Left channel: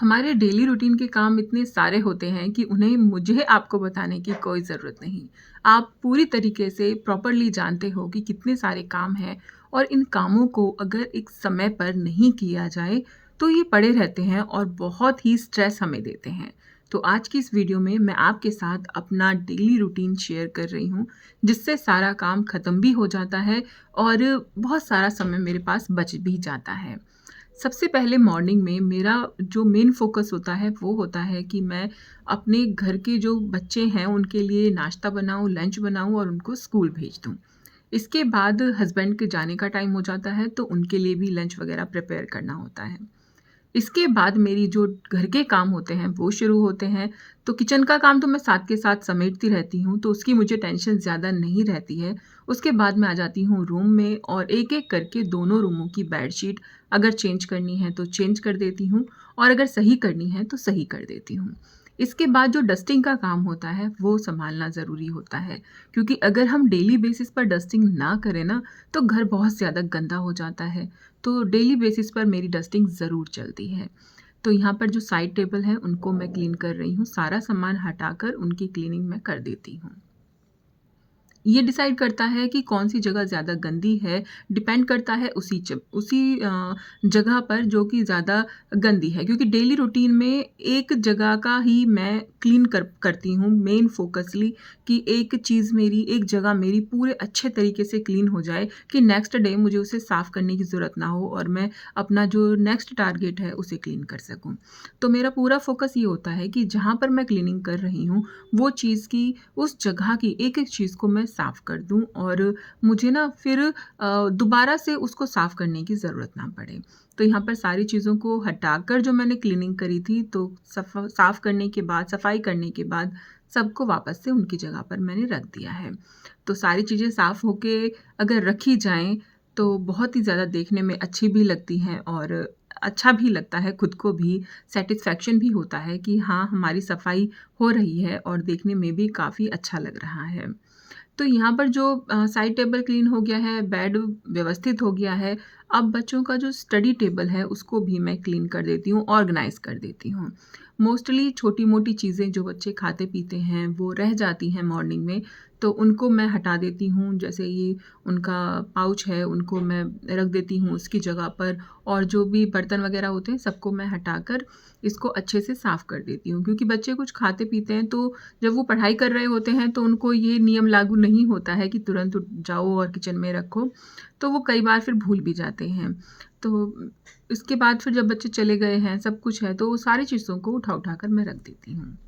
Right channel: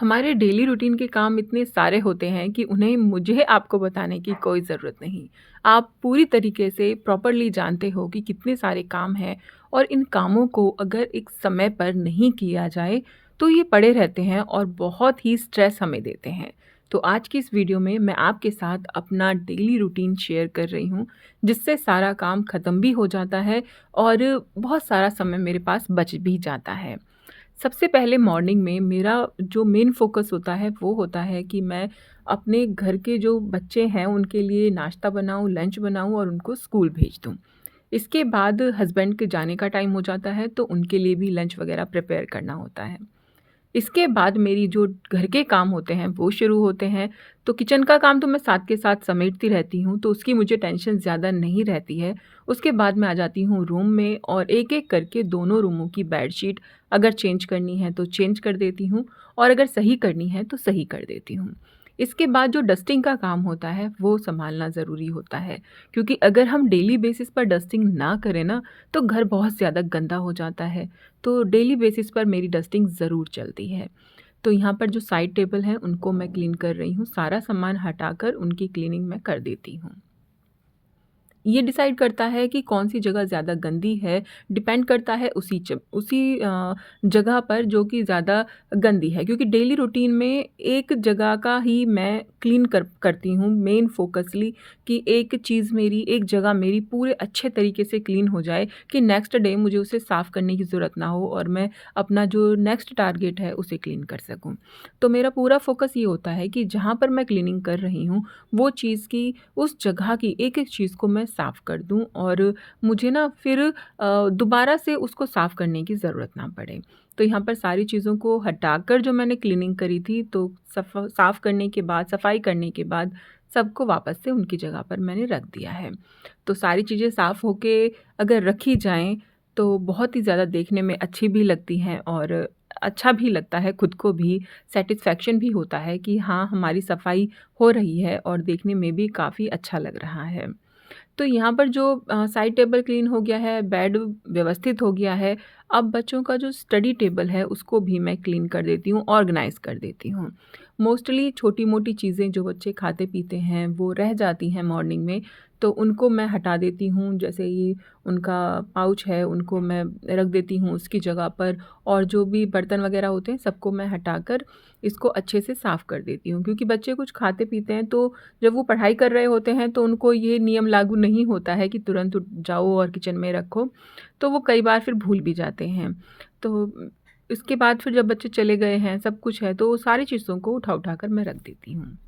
हमारे daily routine के काम इतने सारे होते हैं कि उन्हें मुझे आपको बताने की कोई ज़रूरत नहीं। आप पूरी तरीके से प्रॉपरली जानते हो कि कितने सारे काम हैं और इन कामों को अगर एक समय पर नहीं किया जाए, तो ये पड़े रहते हैं और बहुत ही स्ट्रेस हमें देते हैं। तो आज की इस वीडियो में मैं आपके साथ अपना डेली रूटीन शेयर कर रही हूँ, जिससे सारा काम ख़त्म भी हो जाता है और बहुत सारा समय मेरे पास बच भी जाता है। सबसे पहले मॉर्निंग में मेरा जो मेन फ़ोकस होता है, वो होता है कि मैं अपने घर के जो बच्चे हैं, उनके लिए नाश्ता बनाऊँ, लंच बनाऊँ और उनको स्कूल भेज दूँ। इसके बाद हस्बैंड के जाने का टाइम हो जाता है, तो उनके लिए भी लंच वग़ैरह प्रिपेयर करना होता है। इसके बाद मेरी जो घर के काम होते हैं वो शुरू होते हैं। तो किचन का काम तो मैं साथ के साथ समेटती रहती हूँ, तो उसकी मुझे टेंशन ज़्यादा नहीं रहती है। उसके बाद मैं आ जाती हूँ रूम में और एक-एक करके दोनों रूमों की बेडशीट अगर चेंज करनी है तो चेंज कर देती हूँ और अगर सही करनी है तो सही कर देती हूँ। इसके बाद जो डस्टिंग का काम होता है वो सँभालना ज़रूरी होता है, क्योंकि अगर हम डेली बेसिस पर डस्टिंग ना करें ना, तो घर बहुत ज़्यादा गंदा हो जाता है। तो डेली बेसिस पर मेरी डस्टिंग ज़रूर चलती है। तो यहाँ पर जो साइड टेबल हैं उनको मैं क्लीन कर रही हूँ, सारा सामान हटाकर उनकी क्लीनिंग मैं कर देती हूँ। ये डिसाइड करता है कि कौन-सी जगह ज़्यादा गंदी है, डिपेंड करता है उसी जगह पर जो कि ज़्यादा गंदी है, क्योंकि डेली रूटीन में एक जगह का ही मैं क्लीन करती हूँ मेन फ़ोकसली, कि एक चीज़ मेरी, एक जगह मेरी पूरे अच्छे तरीके से क्लीन हो जाए कि नेक्स्ट डे मुझे उसे साफ़ करने की ज़रूरत ना हो और मैं अपना जो नेक्स्ट टारगेट है उसे क्लीन कर सकूँ। तो मेरा पूरा फ़ोकस ये होता है कि जहाँ पर मैं क्लीनिंग कर रही हूँ, वो चीज़ की, उस जगह की एक-एक चीज़ को मैं साफ़ कर दूँ और मुझे ना फिर दोबारा से उसको साफ़ करने की ज़रूरत ना पड़े। तो यहाँ पर सारी चीज़ों को हटाकर जो मैंने क्लीनिंग करी थी, तो साफ़ करने के बाद, सफाई करने के बाद सबको वापस से उनकी जगह पर मैंने रख दिया है। तो सारी चीज़ें साफ़ होके अगर रखी जाएँ, तो बहुत ही ज़्यादा देखने में अच्छी भी लगती हैं और अच्छा भी लगता है, खुद को भी सैटिस्फैक्शन भी होता है कि हाँ, हमारी सफाई हो रही है और देखने में भी काफ़ी अच्छा लग रहा है। तो यहाँ पर जो साइड टेबल क्लीन हो गया है, बेड व्यवस्थित हो गया है, अब बच्चों का जो स्टडी टेबल है उसको भी मैं क्लीन कर देती हूँ, ऑर्गनाइज़ कर देती हूँ। मोस्टली छोटी-मोटी चीज़ें जो बच्चे खाते-पीते हैं वो रह जाती हैं मॉर्निंग में, तो उनको मैं हटा देती हूँ। जैसे ये उनका पाउच है, उनको मैं रख देती हूँ उसकी जगह पर और जो भी बर्तन वग़ैरह होते हैं सबको मैं हटाकर इसको अच्छे से साफ़ कर देती हूँ। क्योंकि बच्चे कुछ खाते-पीते हैं, तो जब वो पढ़ाई कर रहे होते हैं तो उनको ये नियम लागू नहीं होता है कि तुरंत उठ जाओ और किचन में रखो, तो वो कई बार फिर भूल भी जाते हैं। तो इसके बाद फिर जब बच्चे चले गए हैं, सब कुछ है, तो वो सारी चीज़ों को उठा-उठा कर मैं रख देती हूँ।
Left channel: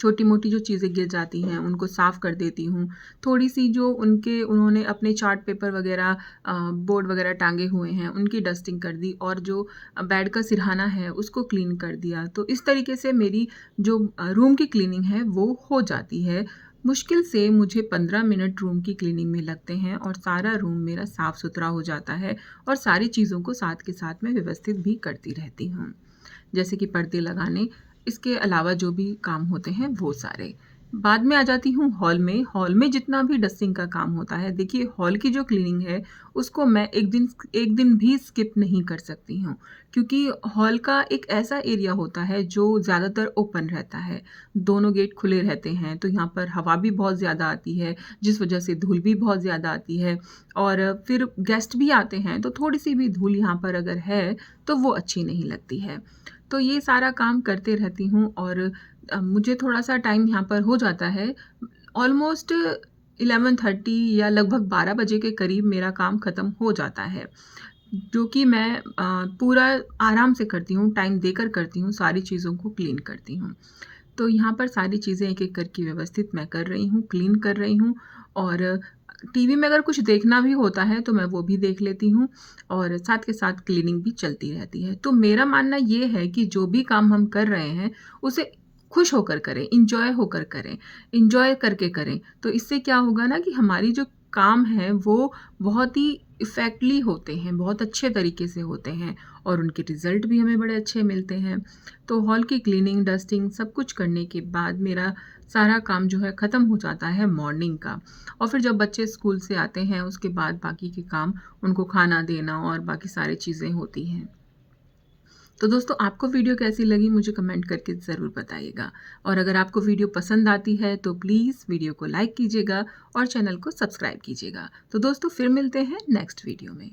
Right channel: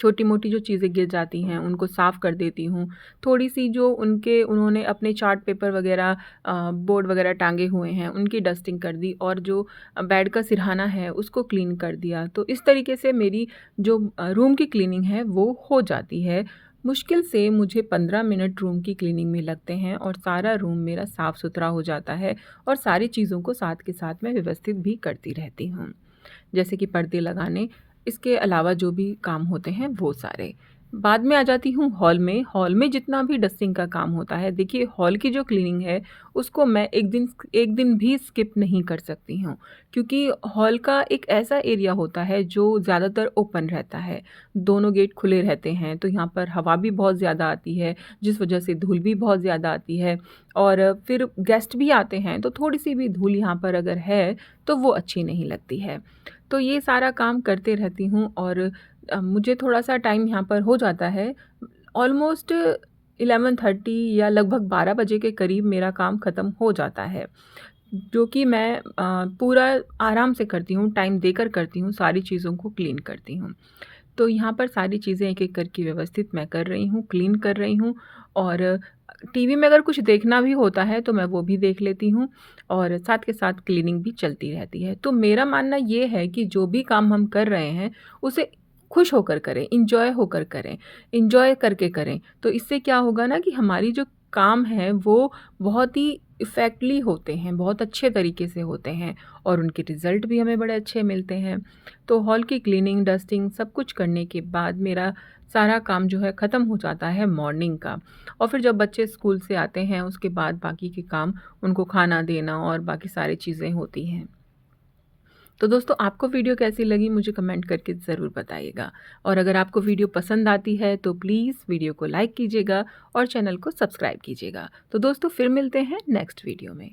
छोटी-मोटी जो चीज़ें गिर जाती हैं, उनको साफ़ कर देती हूँ। थोड़ी-सी जो उन्होंने अपने चार्ट पेपर वग़ैरह बोर्ड वग़ैरह टाँगे हुए हैं, उनकी डस्टिंग कर दी और जो बेड का सिरहाना है, उसको क्लीन कर दिया। तो इस तरीके से मेरी जो रूम की क्लीनिंग है, वो हो जाती है। मुश्किल से मुझे 15 मिनट रूम की क्लीनिंग में लगते हैं और सारा रूम मेरा साफ़-सुथरा हो जाता है और सारी चीज़ों को साथ के साथ मैं व्यवस्थित भी करती रहती हूँ। जैसे कि पर्दे लगाने, इसके अलावा जो भी काम होते हैं वो सारे। बाद में आ जाती हूँ हॉल में जितना भी डस्टिंग का काम होता है, देखिए हॉल की जो क्लीनिंग है उसको मैं एक दिन भी स्किप नहीं कर सकती हूँ, क्योंकि हॉल का एक ऐसा एरिया होता है जो ज़्यादातर ओपन रहता है। दोनों गेट खुले रहते हैं, तो यहाँ पर हवा भी बहुत ज़्यादा आती है, जिस वजह से धूल भी बहुत ज़्यादा आती है और फिर गेस्ट भी आते हैं, तो थोड़ी-सी भी धूल यहाँ पर अगर है, तो वो अच्छी नहीं लगती है। तो ये सारा काम करते रहती हूँ और मुझे थोड़ा-सा टाइम यहाँ पर हो जाता है। ऑलमोस्ट 11:30 या लगभग 12 बजे के करीब मेरा काम ख़त्म हो जाता है, जो कि मैं पूरा आराम से करती हूँ, टाइम देकर करती हूँ, सारी चीज़ों को क्लीन करती हूँ। तो यहाँ पर सारी चीज़ें एक-एक करके व्यवस्थित मैं कर रही हूँ, क्लीन कर रही हूँ और टीवी में अगर कुछ देखना भी होता है तो मैं वो भी देख लेती हूँ और साथ के साथ क्लीनिंग भी चलती रहती है। तो मेरा मानना ये है कि जो भी काम हम कर रहे हैं, उसे खुश होकर करें, एन्जॉय होकर करें, एन्जॉय करके करें। तो इससे क्या होगा ना कि हमारी जो काम है वो बहुत ही इफ़ेक्टली होते हैं, बहुत अच्छे तरीके से होते हैं और उनके रिज़ल्ट भी हमें बड़े अच्छे मिलते हैं। तो हॉल की क्लीनिंग, डस्टिंग सब कुछ करने के बाद मेरा सारा काम जो है ख़त्म हो जाता है मॉर्निंग का और फिर जब बच्चे स्कूल से आते हैं उसके बाद बाकी के काम, उनको खाना देना और बाकी सारी चीज़ें होती हैं। तो दोस्तों आपको वीडियो कैसी लगी मुझे कमेंट करके ज़रूर बताइएगा। और अगर आपको वीडियो पसंद आती है तो प्लीज़ वीडियो को लाइक कीजिएगा और चैनल को सब्सक्राइब कीजिएगा। तो दोस्तों फिर मिलते हैं नेक्स्ट वीडियो में।